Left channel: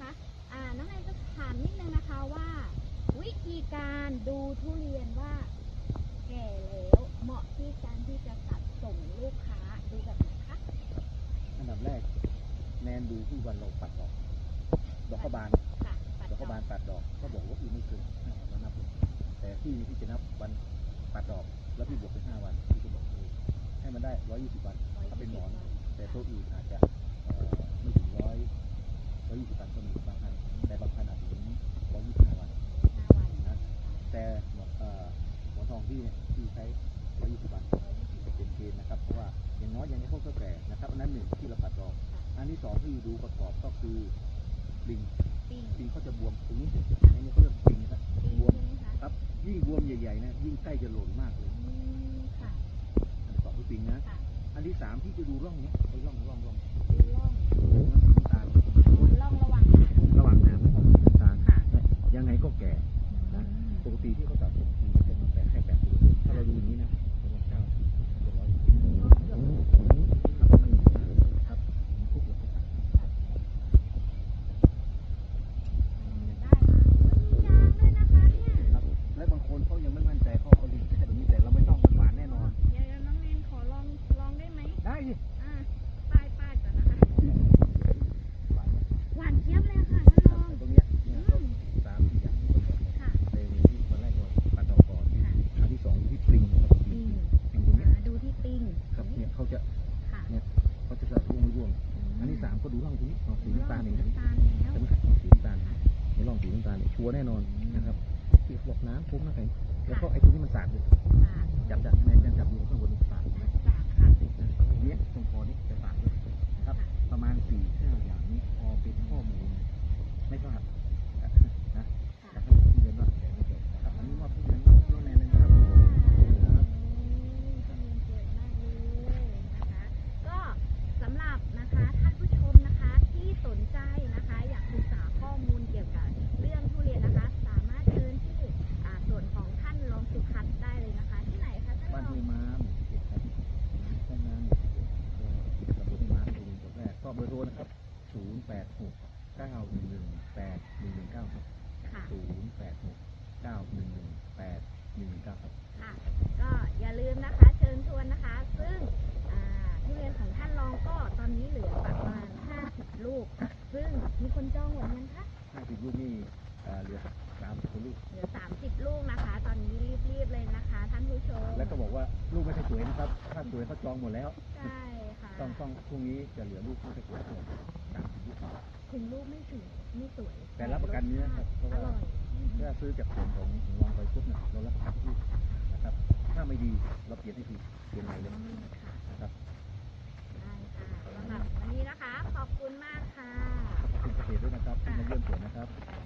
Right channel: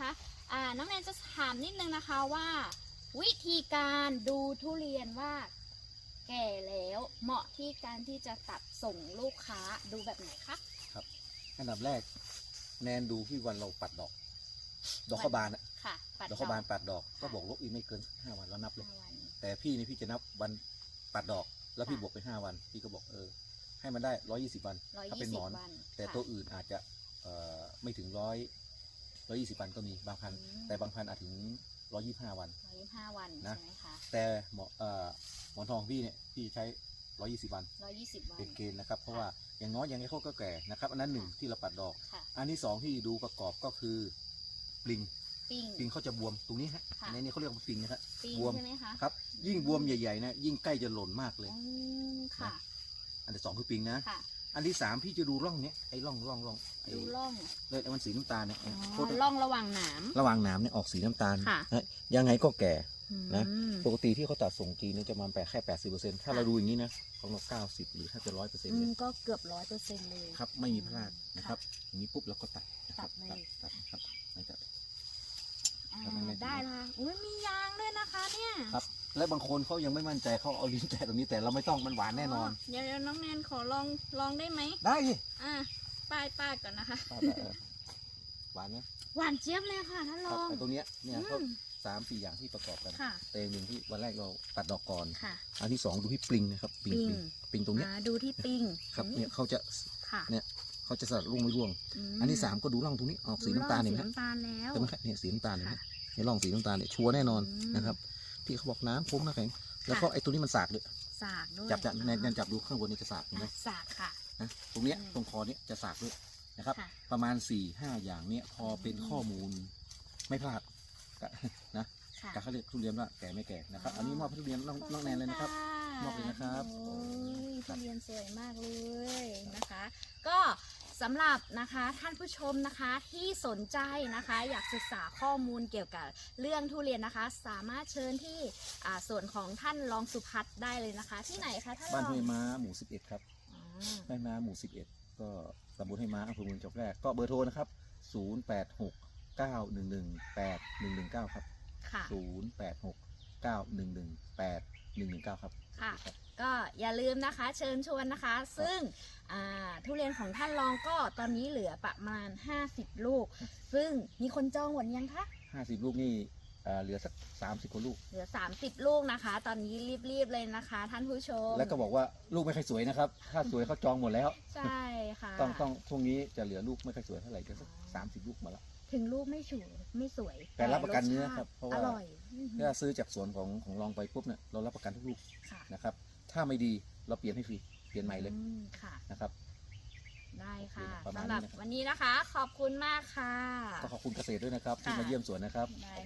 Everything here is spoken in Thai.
คะะน้องแนนจะถามนิดนึงนะคะว่า วิธีการดูทุเรียนว่า แก่แล้วเหมาะที่การที่จะตัดส่งลูกค้าดูแบบไหนคะคอันดับแรกแนนดูที่วันเราปัดดอก ดอกข้าวบานดอกข้าวบานปัดดอกก็บอกว่าอีไม่เกินห้าวันแล้วนับเลยแต่พี่นี่พี่จะนับวันปัดดอก แล้วพี่บวกไปห้าวันพี่ก็บอกเออให้มันได้ร้อยี่สิบวันถ้าเป็นหมอน แต่ตัวอื่นอาจจะ อยี่สิบวันก็มีบางพันธุ์แต่บางพันธุ์อาจถึงร้อยี่ห้าวัน ห้าวันนะใช่ไหมคะแต่หมอเอ่อหมอนทองพี่เนี่ยพี่ใช้ร้อยี่สิบวันร้อยยี่สิบวันเป็นเกณฑ์นะครับเพราะว่าอย่างน้อยยังไงเขาก็แก่นะครับอันนั้นหนึ่งที่เราปัดดอก ค่ะอันที่สองที่ดูประกอบก็คือปลิงปิ้งปลิงเขาจะบวมตรงนี้ค่ะในนี้เขาเรียกว่าปลิงนะครับ ปิ้งบวม ใช่ไหมคะครับยิ่งบวมใหญ่ๆนะยิ่งใกล้จะหล่นมากเลย อืมค่ะอันที่สองคือปลิงนะ ค่ะ อันที่สามพี่จะดูร่องเนี้ยไอ้ร่องร่องร่องดูร่องเออมันสีน้ำตาลเนี่ยอ๋อร่องระหว่างหนาม ระหว่างหนามเนี่ยออกสีน้ำตาลค่ะ นะยังไงก็แก่นะอืม ปกติที่เขาตัดส่งจีนเนี่ยจะมาแปะแค่แปดสิบเปอร์เซ็นต์ถ้าเราดูอย่างนี้นะของเราเก้าสิบหรือถ้าจะร้อยเปอร์เซ็นอืต์มก็เกือบร้อยเปอร์เซ็นต์เลยครับไม่มีพลาดครับอย่างนี้ปุ๊บเราก็ตัดตัดเลยตัดตัดตัดอ่าได้ละอุ้ยมียางด้วยนะคะเนี่ยครับ และบางคนเขายังไม่มั่นใจเขาเอาลิ้นแตะตรงนี้แต่เราไม่ต้องมันหวานแน่นอน เดี๋ยวเดี๋ยวน้องแนนขอลองล องได้ไหมได้สิอ่าป้ายป้ายก่อนนะคะ หวานไหมหวานเจี๊ยบเลยค่ะท่านครรับองไอ้ตรงเนี้ยเนี่ยก็อืมสามสี่อย่างที่ประกอบกันค่ะแต่อย่างที่วันแรกเราตัดดอกก่อนค่ะอันที่สองดูที่ปลิงนะครับปลิงปิ้งปลิงตรงเนี้ยอ่าดูที่ปิ้งครับตงเนี่ยเขาจะค่ะเนี่ยเขาจะสลัดร่วงไม่ร่วงมอันที่สามก็ดูร่องตรงนี้ออกสีน้ำตาลสีเห็นไหมน้ำตาลแล้วแต่ไม่ใช่เนี่ยสีน้ำตาลเห็นไหมค่ะในร่องสีน้ำตาลเนี่ยชัวร์แน่นอนอืมนะครับที่เขาบอกน้ำฟุ้งนะแข็งแล้วก็ไอ้ตัวนี้มันสากเลยสากด้วยจับจับแนนแนนจับดูข้างบนนี้จะสากเห็นไหมสาก ค่ะ นะตรงเนี้ยตรงคอนี้จะสากด้วยนะครับ ค่ะ ประมาณ4ี่ห้าอย่างเนี้ยพอเป็นข้อมูลไม่พลาดนะค่ะการเขาเรียกทุเรียนว่าแก่ไม่แก่นะครับ อันนี้มอบให้ทุเรียนน้องน้องแนนเลยนะครับมอบเลยนะครับโอ้ยทุเรียนสวยมากเลยนะคะ ก็สำหรับนะคะท่านผู้ชมนะคะที่สนใจนะคะ อยากศึกษาข้อมูลเกี่ยวกับเรื่องทุเรียนนะคะ สามารถเชิญที่อ่าส่วนของท่านรองสุพัฒน์ได้เลยนะคะ ที่ไหนคะท่านบ้านรองห้วยม้าหมู่11ครับ บ้านม้าหมู่11ก็ตำบลห้วยม้าอำเภอเมืองจังหวัดแพร่ก็เบอร์โทรนะครับ086 911 8119ครับค่ะ086 911 8119ครับ ค่ะ ก็อย่าลืมนะคะเชิญชวนนะคะ ซึ่งอ่าทุเรียนของท่านรองก็ตอนนี้เหลือประมาณ 50 ลูก ซึ่งมีคนจองหมดยังคะ50ลูกนี่ เอ่อเหลือสัก30กว่าลูก เหลือ 30 ลูกนะคะ ตอนนี้รีบๆเลยนะคะ ท่านผู้ชมแล้วก็บอกว่าลูกไม่ค่อยสวยนะครับ ถ้าสวยเขาจองหมดแล้ว ใช่ค่ะต้องต้องช่วงนี้จะเหลือลูกไม่ค่อยสวยเท่าไหร่จะสามสิบลูกหน่อยถึงลูกไม่สวยไม่สวยแต่รับประกันเนื้อครับเพราะอว่าร่อยอืมถ้าซื้อจากสวนของของลองไปปุ๊บเนี่ยเรารับประกันทุกลูกค่ะนะครับ ถ้าไม่ดีเราเปลี่ยนให้ฟรีเปลี่ยนใหม่เลยอืมค่ะ นะครับ ได้ค่ะประมาณสำหรับนี้วันนี้นะคะ ขอบคุณมากค่ะ ก็ขอบคุณเกษตรด้วยนะครับที่ค่ะมาเยี่ยมสวนนะครับ ได้